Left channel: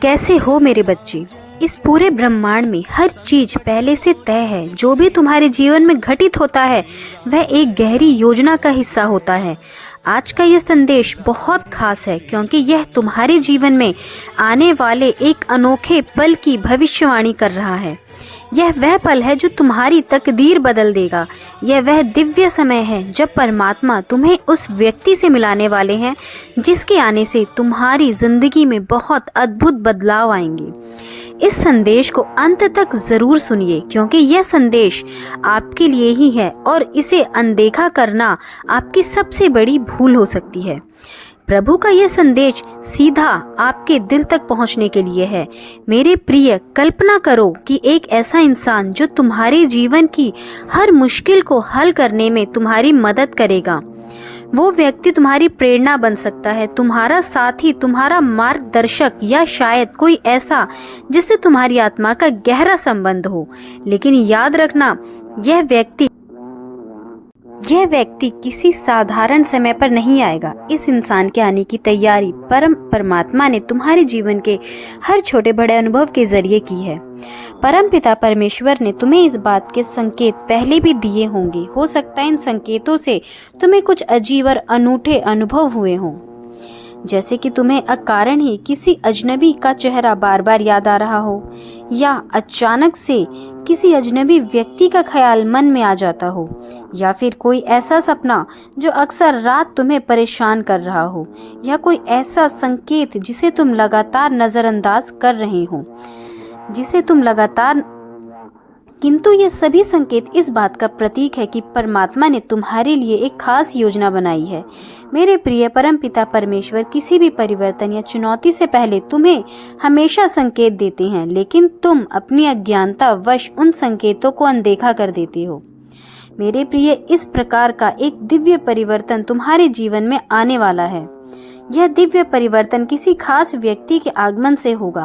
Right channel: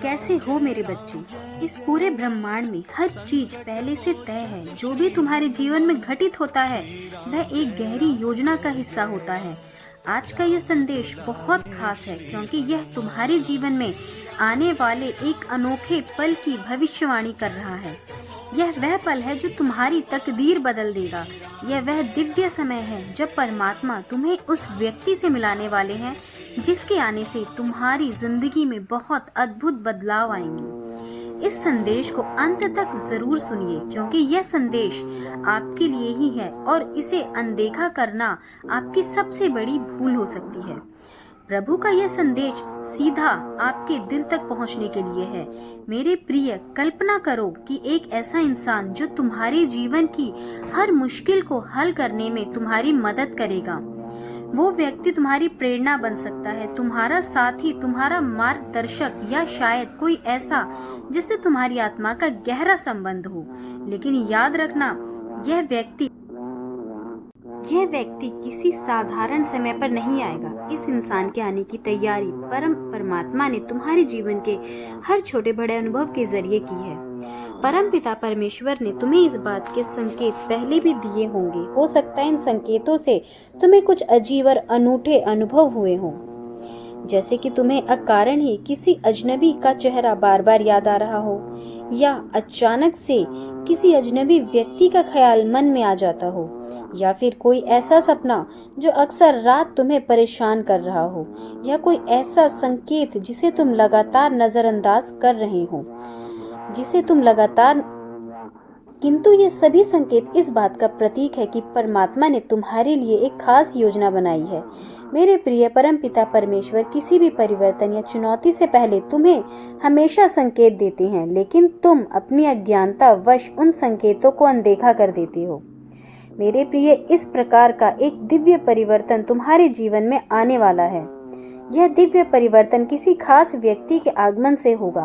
कैसे हो मेरे बच्चे। इस पूरे ब्रह्मांड में हर चीज पहले से तय है। जो भी तुम्हारे जीवन में घटित होता है वह एक गहरी योजना का हिस्सा होता है। आज का यह संदेश बहुत खास है क्योंकि यह तुम्हारे जीवन में आने वाले एक अनोखे पल की भविष्यवाणी कर रहा है। यह वह पल है जो तुम्हारी तकदीर बदल देगा। यह वह दिव्य समय है जब परमात्मा तुम्हें उस व्यक्ति से मिलाने वाले हैं जिसके आने से तुम्हारी जिंदगी में बहुत अद्भुत बदलाव आएंगे। इस संदेश को अंत तक जरूर सुनिए क्योंकि यह संदेश आपके लिए ही है और इसे अनदेखा करना आपकी सबसे बड़ी भूल हो सकती है। प्रभु का यह संदेश सीधा आपके दिल तक पहुंचने के लिए है। मेरे प्रिय, कल्पना करो कि एक ऐसा इंसान जो तुम्हारे जीवन की हर मुश्किल को हल करने में तुम्हारी मदद करेगा। वो व्यक्ति तुम्हारी प्रेरणा बन सकता है, तुम्हारा साथी, तुम्हारा मार्गदर्शक या शायद कोई ऐसा जिससे तुम्हारी आत्मा का गहरा संबंध हो। लेकिन याद रखना, यह व्यक्ति किसी साधारण समय पर नहीं आएगा। इस इंसान के आने की तैयारी परमात्मा ने तुम्हारे जीवन के हर छोटे बड़े अनुभव के जरिए की है। परम पिता परमेश्वर ने तुम्हें इस बात के संकेत पहले भी दिए होंगे। हो सकता है इन संकेतों से तुम्हें कुछ अजीब और अनूठे अनुभव हुए हों, जैसे कि तुम्हें अकारण ही किसी अजनबी का चेहरा बार बार याद आ रहा हो, या अचानक से किसी अजनबी व्यक्ति का ख्याल मन में आ जाता हो, या फिर कोई ऐसा सपना जो अक्सर रात तुम्हें परेशान कर रहा हो, या कोई ऐसा संकेत जिसे तुम लगातार नजरअंदाज कर रहे हो, किंतु ये सभी संकेत इस बात का प्रतीक है कि परमात्मा ने तुम्हारे लिए एक खास योजना बनाई है। मेरे प्रिय परम पिता परमेश्वर किसी भी परिवर्तन या चुनौती से पहले तुम्हें हमेशा संकेत देते हैं, लेकिन तुम अपनी अज्ञानता वश उन संकेतों को अनदेखा कर देते हो। मेरे प्रिय, इस प्रकार का एक दिव्य परिवर्तन तुम्हारे जीवन में आने वाला है। यह दिव्य परिवर्तन किसी खास व्यक्ति के आगमन से होगा।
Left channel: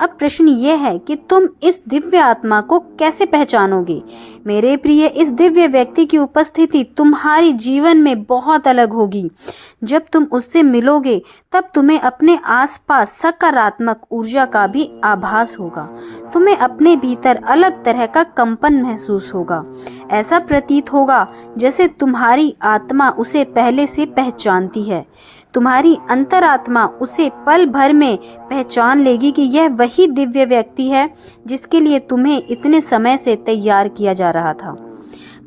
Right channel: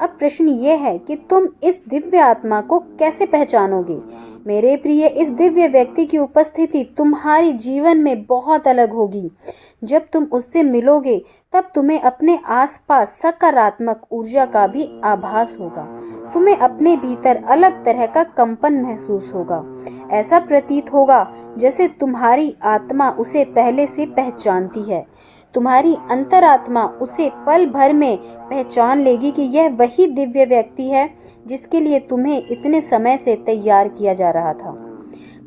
अब प्रश्न यह है कि तुम इस दिव्य आत्मा को कैसे पहचानोगे। मेरे प्रिय, इस दिव्य व्यक्ति की उपस्थिति तुम्हारे जीवन में बहुत अलग होगी। जब तुम उससे मिलोगे तब तुम्हें अपने आसपास सकारात्मक ऊर्जा का भी आभास होगा। तुम्हें अपने भीतर अलग तरह का कंपन महसूस होगा। ऐसा प्रतीत होगा जैसे तुम्हारी आत्मा उसे पहले से पहचानती है। तुम्हारी अंतरात्मा उसे पल भर में पहचान लेगी कि यह वही दिव्य व्यक्ति है जिसके लिए तुम्हें इतने समय से तैयार किया जा रहा था।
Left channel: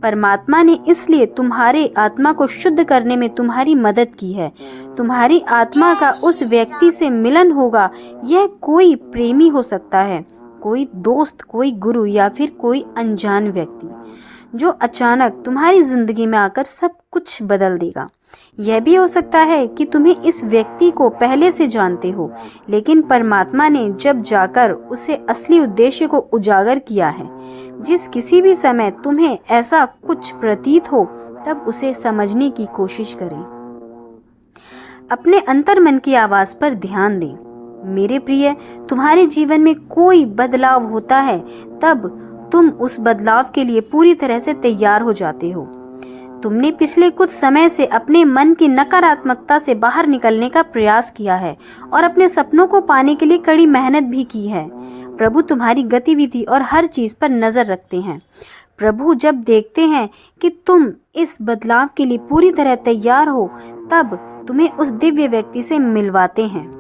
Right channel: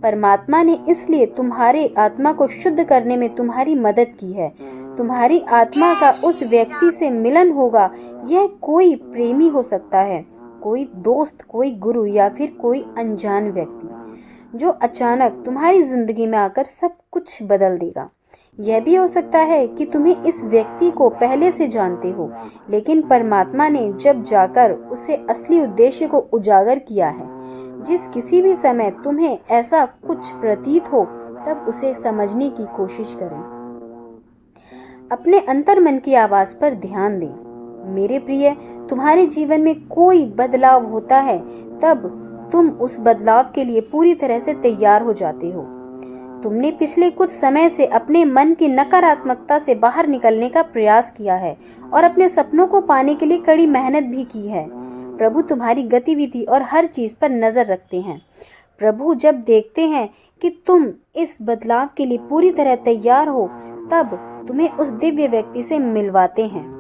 परमात्मा ने इसलिए तुम्हारे आत्मा को शुद्ध करने में तुम्हारी मदद की है। तुम्हारी आत्मा का उस व्यक्ति से मिलन होगा। यह कोई प्रेमी हो सकता है, कोई दोस्त, कोई गुरु, या फिर कोई अनजान व्यक्ति जो अचानक तुम्हारी जिंदगी में आकर सब कुछ बदल देगा। यह भी हो सकता है कि तुम्हें इस व्यक्ति को पहले से जानते हो, लेकिन परमात्मा ने जब जाकर उसे असली उद्देश्य को उजागर किया है। जिस किसी भी समय तुम्हें ऐसा कुछ प्रतीत हो, तब उसे समझने की कोशिश करें। अपने अंतर्मन की आवाज पर ध्यान दें। मेरे प्रिय, तुम्हारे जीवन में कोई बदलाव होता है तब तुम उस बदलाव के लिए पूरी तरह से तैयार हो जाते हो। तुमने पिछले कुछ समय से अपने मन की नकारात्मकता से बाहर निकलने का प्रयास किया है और अपने सपनों को पाने के लिए कड़ी मेहनत भी की है। प्रभु तुम्हारी गतिविधि और हर चीज पर नजर रखते हैं। प्रभु जब देखते हैं कि तुम इस बदलाव के लिए पूरी तरह तैयार हो, तब तुम्हें उस दिव्य व्यक्ति से मिलवाते हैं।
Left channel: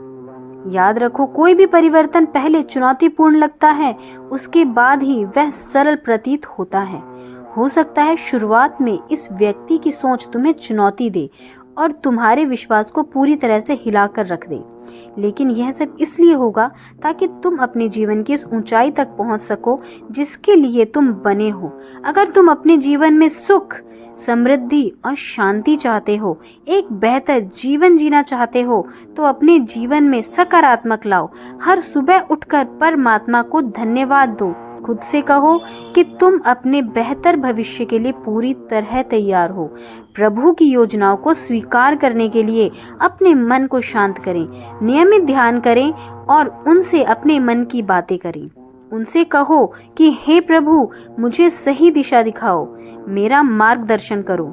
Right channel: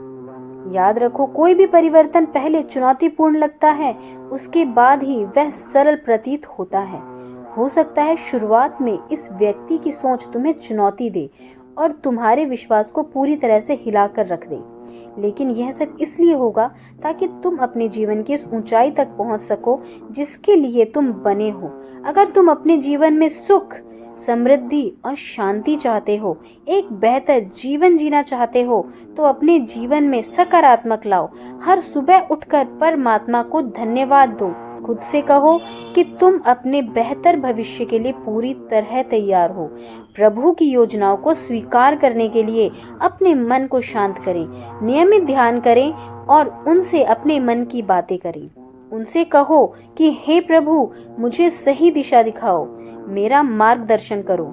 याद रखो, कोई भी परिवर्तन पहले चुनौतीपूर्ण लगता है, उसके बाद ही वह सरल प्रतीत होता है। हो सकता है शुरुआत में इस व्यक्ति की सोच तुम्हें चुनौती दे और तुम्हारे विश्वास को पूरी तरह से हिलाकर रख दे, लेकिन यह सब इसलिए होगा ताकि तुम अपने जीवन की उस ऊंचाई तक पहुंच सको जिसके लिए तुम बने हो। अगर तुम अपने जीवन में सुख, समृद्धि और शांति चाहते हो, एक बेहतर जीवन जीना चाहते हो, तो अपने जीवन में सकारात्मक लाओ। हर सुबह उठकर परमात्मा को धन्यवाद दो। खुद से कहो कि तुम अपने बेहतर भविष्य के लिए पूरी तरह तैयार हो। प्रभु की योजनाओं को स्वीकार करने के लिए अपने मन को शांत करें, नियमित ध्यान करें और उनसे अपने मन की बातें करें। उनसे कहो कि हे प्रभु, मुझे सही दिशा दिखाओ, मेरा मार्गदर्शन करो।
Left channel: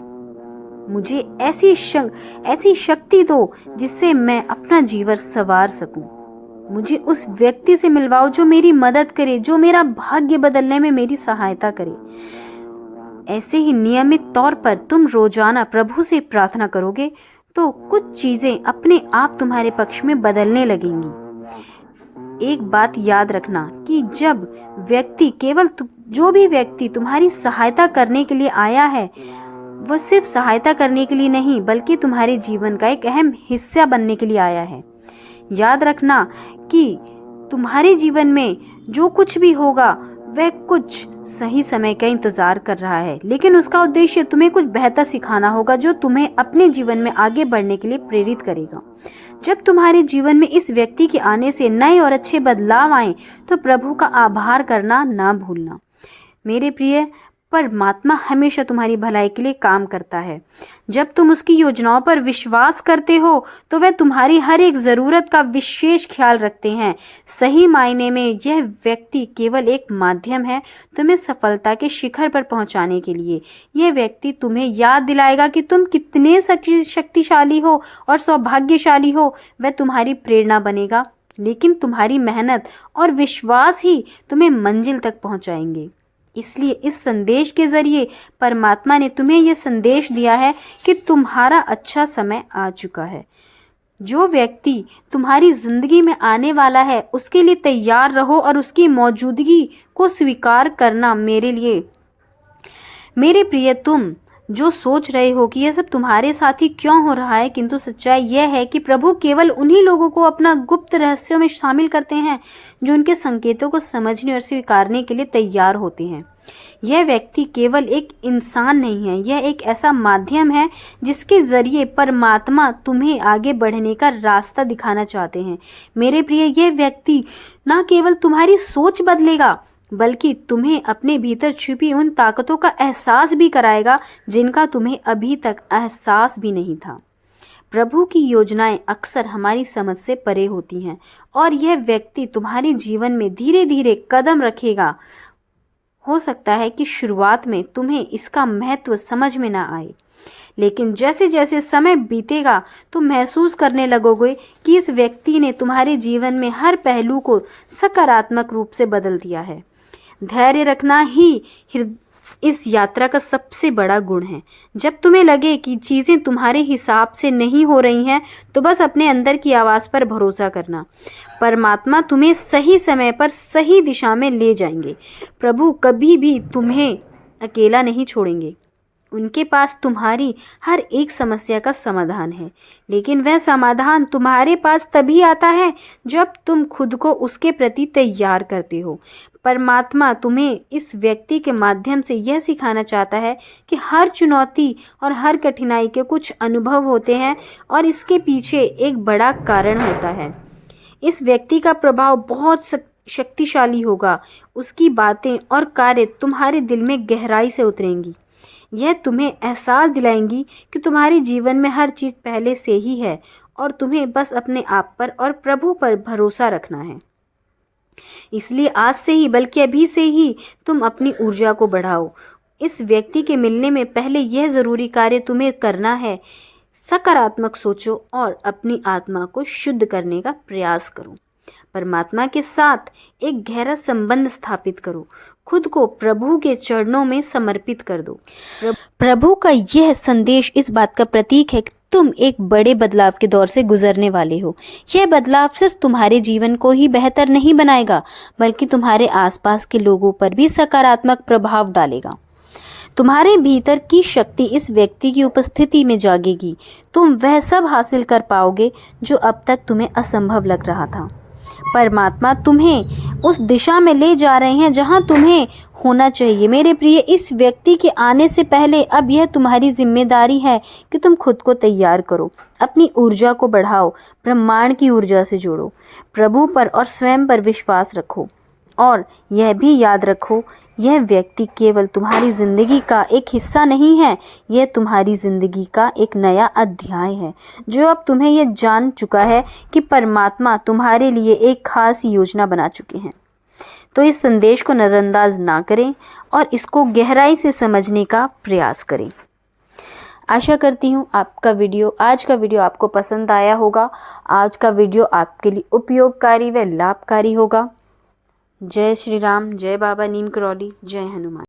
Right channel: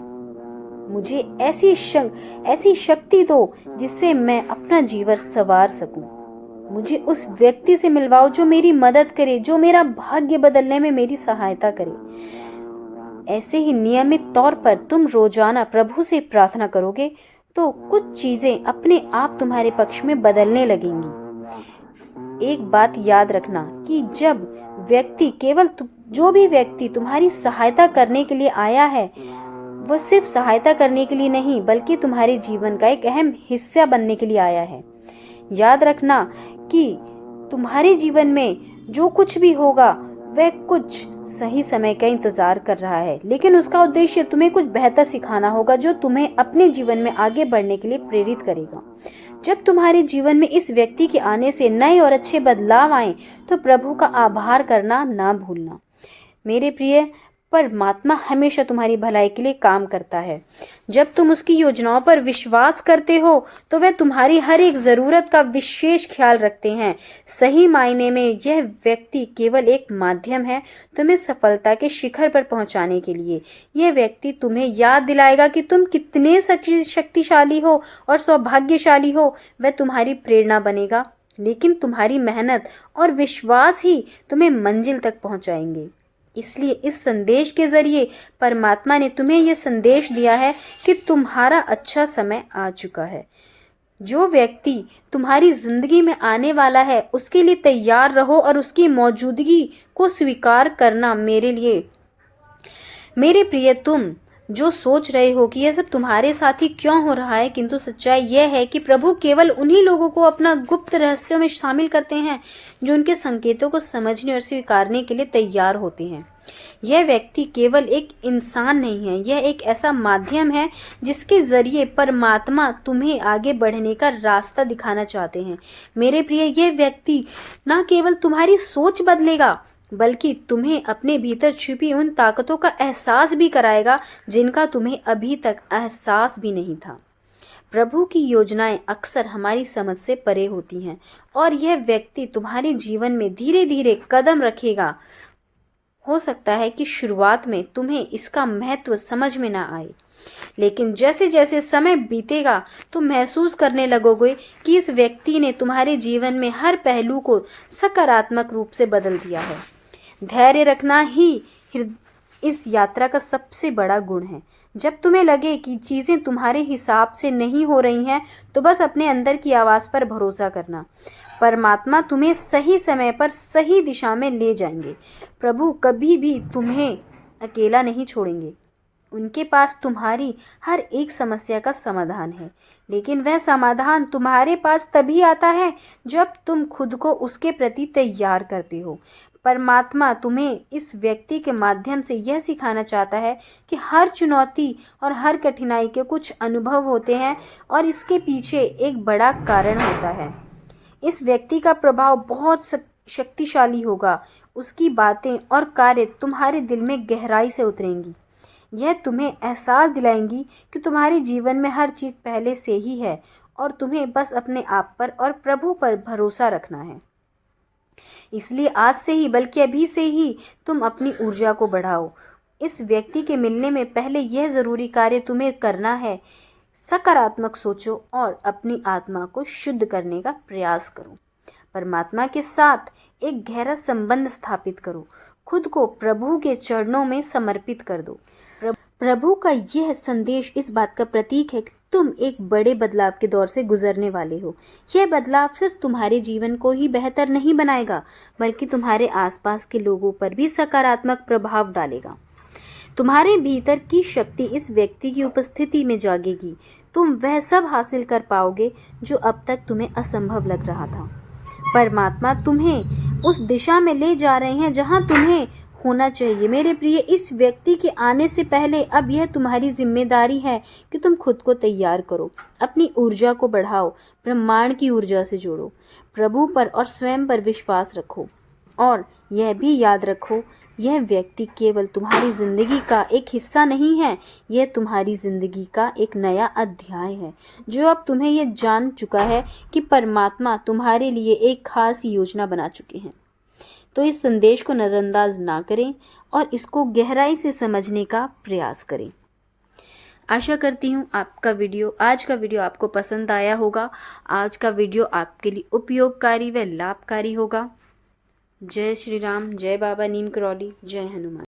मुझे ऐसी शक्ति दो जिससे मैं अपना जीवन संवार सकूं। मुझे उस व्यक्ति से मिलवाओ जो मेरी मदद करे, जो मेरा भाग्य बदलने में मेरी सहायता करे। ऐसे ही नियमित तौर पर तुम रोजाना प्रभु से प्रार्थना करोगे तो कुछ चीजें अपने आप तुम्हारे पक्ष में बदलने लगेंगी। एक बात याद रखना कि जो भी व्यक्ति तुम्हारी सहायता करने के लिए आया है, वो सिर्फ सहायता करने के लिए नहीं बल्कि तुम्हारे जीवन का एक अहम हिस्सा बनने के लिए आया है। याद रखना कि तुम्हारे जीवन में जो कुछ भी होगा वह कुछ सही समय का इंतजार कर रहा है, लेकिन उसका उद्देश्य तुम्हें कुछ बेहतर सिखाना होगा जो तुम्हें अपने जीवन में आगे बढ़ने के लिए प्रेरित करेगा। जब तुम्हारे जीवन में इस व्यक्ति के आने से नए और अच्छे बदलाव आए तो प्रभु का आभार करना ना भूलना। मेरे प्रिय, परमात्मा हमेशा तुम्हारी भलाई के लिए काम करता है। जब तुम उसकी योजनाओं पर विश्वास करते हो तो वह तुम्हारी हर एक जरूरत का विशेष ख्याल रखते हैं। सही मायने में यह व्यक्ति केवल एक माध्यम है तुम्हें सफलता के शिखर पर पहुंचाने के लिए। यह व्यक्ति तुम्हें याद दिलाएगा कि तुम कितने शक्तिशाली हो और सौभाग्यशाली हो। वह तुम्हारी प्रेरणा बनेगा, लेकिन तुम्हारी मेहनत और विश्वास ही तुम्हें मंजिल तक पहुंचाएंगे। इसलिए इस संदेश के जरिए परमात्मा ने तुम्हें यह संदेश दिया है कि तुम्हारा अच्छा समय आ चुका है। जो व्यक्ति तुम्हारी जिंदगी में आने वाला है उसके लिए तैयार रहो और उसकी मौजूदगी को स्वीकार करना। मेरे प्रिय, तुम जो सोच रहे हो कि यह सब तुम्हारे साथ ही क्यों हो रहा है, किंतु सच्चाई यह है कि प्रभु केवल उन्हीं लोगों को अपना गुप्त रहस्यों में शामिल करते हैं जो उनके संकेतों को समझने और स्वीकारने के लिए तैयार होते हैं। यह व्यक्ति केवल एक इंसान नहीं है, यह एक ऐसा माध्यम है जिसके जरिए परमात्मा तुम्हें आगे बढ़ने का रास्ता दिखाना चाहते हैं। मेरे प्रिय, यह व्यक्ति न केवल तुम्हारी सोच बदलेगा बल्कि तुम्हें अपने भीतर छुपी उन ताकतों का एहसास भी कराएगा जिनका तुम्हें अभी तक एहसास भी नहीं था। प्रभु की योजनाएं अक्सर हमारी समझ से परे होती हैं और यह व्यक्ति तुम्हारे जीवन में धीरे धीरे कदम रखेगा। हो सकता है कि शुरुआत में तुम्हें इसका महत्व समझ में ना आए, लेकिन जैसे जैसे समय बीतेगा तुम महसूस करने लगोगे कि इस व्यक्ति ने तुम्हारे जीवन में हर पहलू को सकारात्मक रूप से बदल दिया है। धैर्य रखना ही इस यात्रा का सबसे बड़ा गुण है। जब तुम्हें लगे कि चीज़ें तुम्हारे हिसाब से नहीं हो रही हैं तो बस अपने अंदर की आवाज़ पर भरोसा करना। परमात्मा तुम्हें सही समय पर सही दिशा में ले जाएंगे। प्रभु कभी भी तुम्हें अकेला नहीं छोड़ेंगे। उनके पास तुम्हारी हर एक समस्या का समाधान है, लेकिन वह समाधान तुम्हारे पास तभी आता है जब तुम खुद को उसके प्रति तैयार करते हो। परमात्मा तुम्हें इस व्यक्ति के माध्यम से यह सिखाना चाहता है कि हर चुनौती और हर कठिनाई के कुछ अनुभव होते हैं और इसके पीछे एक बड़ा कारण होता है। इस व्यक्ति का प्रभाव बहुत शक्तिशाली होगा। उसकी बातें और कार्य तुम्हारे दिल में गहराई से उतरेंगी। यह तुम्हें एहसास दिलाएंगी कि तुम्हारे जीवन में हर चीज़ पहले से ही है और तुम्हें बस अपने आप पर और प्रभु पर भरोसा रखना है। इसलिए आज से ही बल्कि अभी से ही तुम अपनी ऊर्जा को बढ़ाओ। इस व्यक्ति के मिलने में पहले यह ज़रूरी कार्य तुम्हें करना है, सकारात्मक सोचो और अपनी आत्मा को शुद्ध करने का प्रयास करो। परमात्मा के साथ एक गहरा संबंध स्थापित करो। खुद को प्रभु के चरणों में समर्पित कर दो। प्रभु का यह संदेश इस बात का प्रतीक है कि तुम एक बड़े बदलाव के दौर से गुजरने वाले हो। यह बदलाव सिर्फ तुम्हारे जीवन को ही बेहतर नहीं बनाएगा बल्कि तुम्हारे आसपास के लोगों पर भी सकारात्मक प्रभाव डालेगा। तुम्हारे भीतर की शक्ति इस व्यक्ति की उपस्थिति में जागेगी। तुम वह सब हासिल कर पाओगे जो अब तक तुम्हें असंभव लग रहा था। परमात्मा तुम्हें उस दिशा में ले जा रहे हैं जहां तुम्हें होना चाहिए। मेरे प्रिय, इस व्यक्ति के आने से पहले अब यह तुम्हारी जिम्मेदारी है कि तुम खुद को तैयार करो, अपनी ऊर्जा को बढ़ाओ, ब्रह्मांड की ऊर्जा से जोड़ो, प्रभु पर और स्वयं पर विश्वास रखो और यह भी याद रखो, यह व्यक्ति केवल तुम्हारी जिंदगी का एक हिस्सा नहीं है, यह तुम्हारी जिंदगी का एक नया अध्याय है जो अब तुम्हें यह जान चुका है कि परमात्मा तुम्हारे लिए एक खास योजना बना चुके हैं। तो इस संदेश को नज़रअंदाज ना करें और इसको गहराई से समझने का प्रयास करें। आशा करती हूँ आज का वीडियो आपको पसंद आया होगा। आज का वीडियो आपके लिए उपयोगकारी व लाभकारी होगा। जय श्री राम, जय बाबा नीम करौली, जय हनुमान।